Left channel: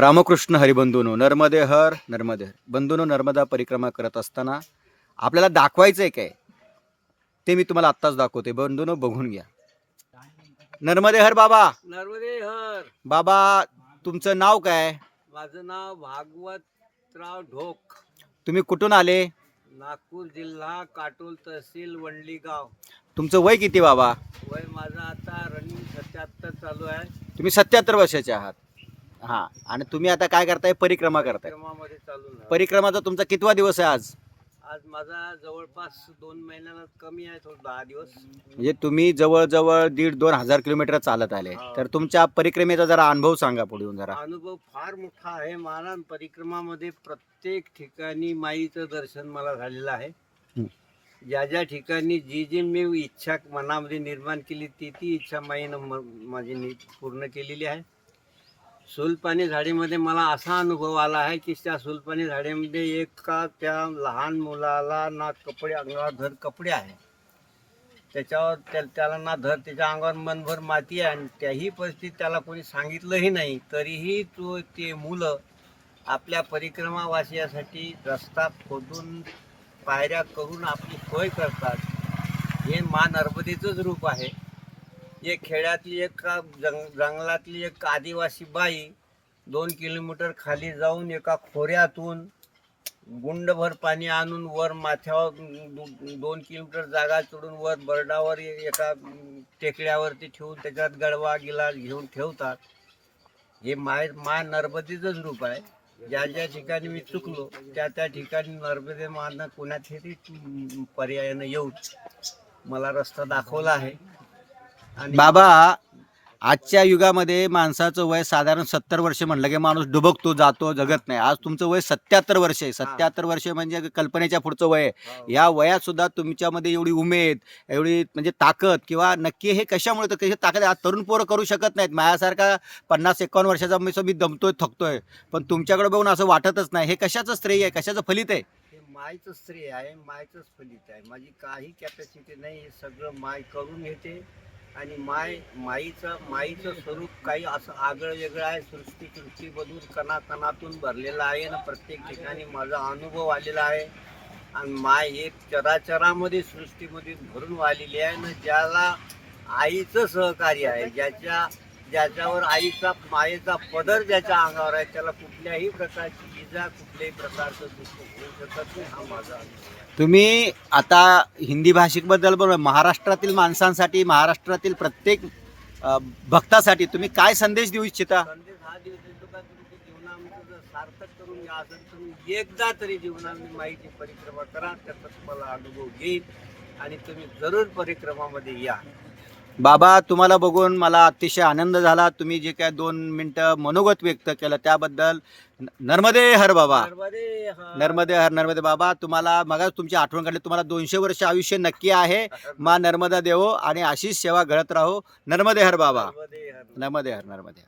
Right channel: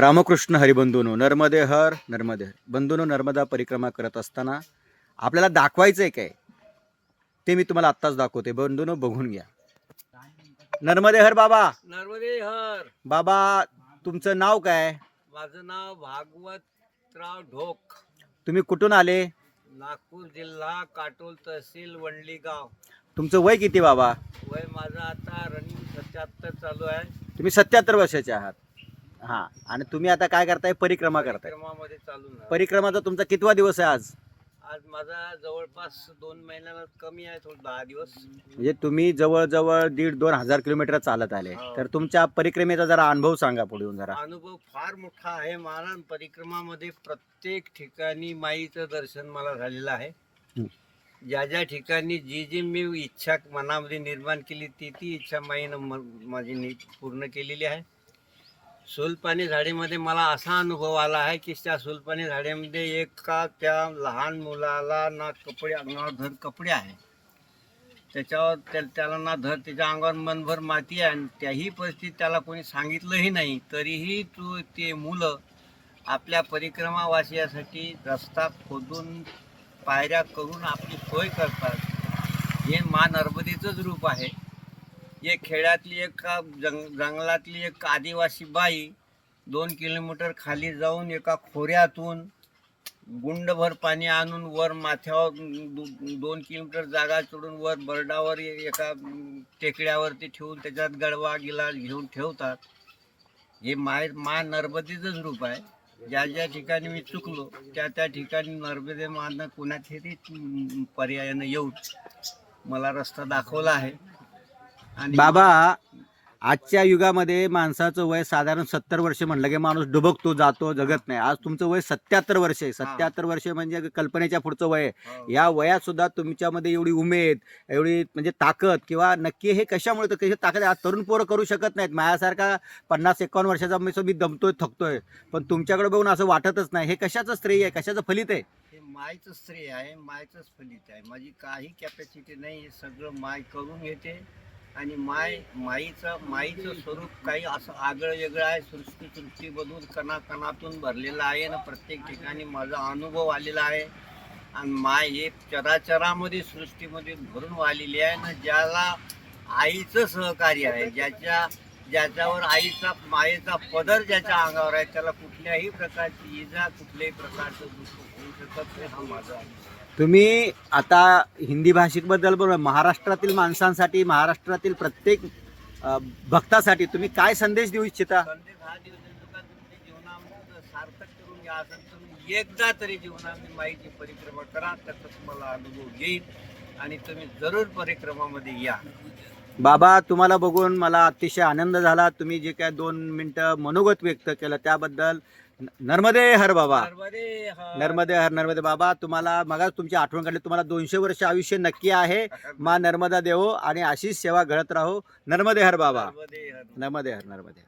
रामकृष्ण हरिबंधूनो, नर्मदे हर नर्मदे हर बंधूनो. नर्मदा परिक्रमा करत असताना आपल्याला दाखवायचं आहे काय ते मी तुम्हाला आत्ताच दाखवते. बंधूनो बघून घ्या. नर्मदे हर बाबा. नर्मदे हर. बाबा तुमचं नाव काय? माझं नाव भागवतराव ढोक. तुम्ही कुठून आले? नागपूर जिल्हा, काटोल तहसील, वंडली गाव. तुमचं वय किती बाबा? वय माझं आता रनिंग 77 चालू आहे. तुम्ही 77 वर्षाचे आहात. हां, आणि तुम्ही आता काय करताय? परिक्रमा करताय. परिक्रमामध्ये चालू आहे. परिक्रमाचा तुमचा कितवा दिवस आहे आज? आज माझा जवळपास 2 महिन्याला कमी आहे, थोडं 10 दिवस. म्हणजे तुम्ही जवळजवळ 1,500-2,000 हजार किलोमीटर चालत आले. तर तुमच्या परिक्रमेचा जरा अनुभव सांगा पुढे येऊन जरा. अनुभव फार मोठा आहे. मला परिक्रमामध्ये प्रत्येक ठिकाणी माईचं दर्शन मला झालेलं आहे. ज्या ज्या ठिकाणी जी जी मी इच्छा मनामध्ये निर्माण केली ती इच्छा माईनं माझी पूर्ण केलेली आहे. सुलपाणी झाडीमध्ये मला असा अनुभव आला आहे की त्या सुलपाणी झाडीमध्ये एका त्या लहान मुलाला ना कपडे अंगावर धड कपडे आहे, त्याच्यावर त्याला ना धड त्याच्या अंगावर मनभर माती आहे, आणि त्याही परिस्थितीत त्याला कोणी सांगितलंही नाही, तरीही ते मुलं आपल्या परिक्रमावासियासाठी रस्ता खोदून पायऱ्या करून आपली सोय करतात. हे मा नर्मदेचंच रूप आहे. एक खेड्यातली एक जंगलातली एक आदिवासी बाई 2 किलोमीटर खाली जाऊन एका खोऱ्यातून गुंडभर पाणी आणून वर माथ्यावर 2 किलोमीटर जागा सोडून वर बर्डावर एका टेकड्यावरती ठेवून त्याच्यात गडवा गिलास घेऊन ठेवतात. हे मा नर्मदेचंच रूप आहे. ज्या ज्या ठिकाणी मी चुकलो त्या ठिकाणी नर्मदे मानं कुणाच्याही पर्यायानं येऊन मला रस्ता दाखवला आहे. आणि बाबा, आजच्या युगामध्ये माणसाचं वय साधारण 70 वर्ष म्हणलं की माणूस डुबकतो, जातो, जगत नाही. आज तुमचं वय 77 वर्ष आहे. 77 वर्ष म्हणजे कल्पनेच्या पुढचं वय आहे. या वयात सुद्धा तुमच्यामध्ये एवढी उमेद, एवढी म्हणजे ताकद, किंवा नक्की हे कशामुळे तर कशी ताकद आज तरुण पोरं करू शकत नाहीत. माझ्यासारखा 50-51 वर्षाचा मी दमतोय, थकतोय, पण तुमच्याकडे बघून असं वाटतच नाही. हे कशाचं श्रेय आहे, कशाचं फलित आहे? हे मायचं श्रेय आहे, मायचंच फलित आहे. माझी काही कॅपॅसिटी नाही, हे सगळं माय करून घेते. आणि माईचं स्वरूप काही असं आगळं वेगळं आहे. सृष्टीमधून कणाकणातून भरलेलं आहे ना. प्रत्येक ठिकाणी माझा अनुभव आलेला आहे. आणि माय हे चराचरामध्ये सृष्टीमध्ये भरून वाहिलेली आहे ना. ज्याला आईचं सहकार्य आहे, ज्याच्यावर मायेचा पदर ज्याच्या अंगावर आहे, त्याला कुठल्याही प्रकारची इजा, कुठल्याही प्रकारचं दुःख होऊ शकत नाही. हा माझा अनुभव. तुम्ही आता हिंदी भाषिकबद्दल बोला. महाराष्ट्रातील माणसांसाठी, महाराष्ट्रातील प्रत्येक भक्तासाठी तुम्ही काय संदेश देऊ इच्छिता? संदेश हा देऊ इच्छितो का तुमच्या जीवनामध्ये सार्थक करून घ्या. असं तुम्ही एकदा तरी जीवनामध्ये माईची परिक्रमा करा, त्याचा तुम्हाला अनुभव येईल आणि तुम्ही जरूर परिक्रमामध्ये या. बाबा, तुम्हाला बघून मला अतिशय आनंद झाला. तुम्ही जे काय 2 मिनिटं मनोगत व्यक्त केलं त्याबद्दल नर्मदे हर बाबा. नर्मदे हर. नर्मदे बाबा. तुम्हाला मग तुमची आठवण काढली. तुम्हाला 200 वर्ष आयुष्य नक्की आहे. मा नर्मदा देवो आणि अशीच सेवा घडत राहो. नर्मदे हर बाबा. नर्मदे हर. नर्मदे हर.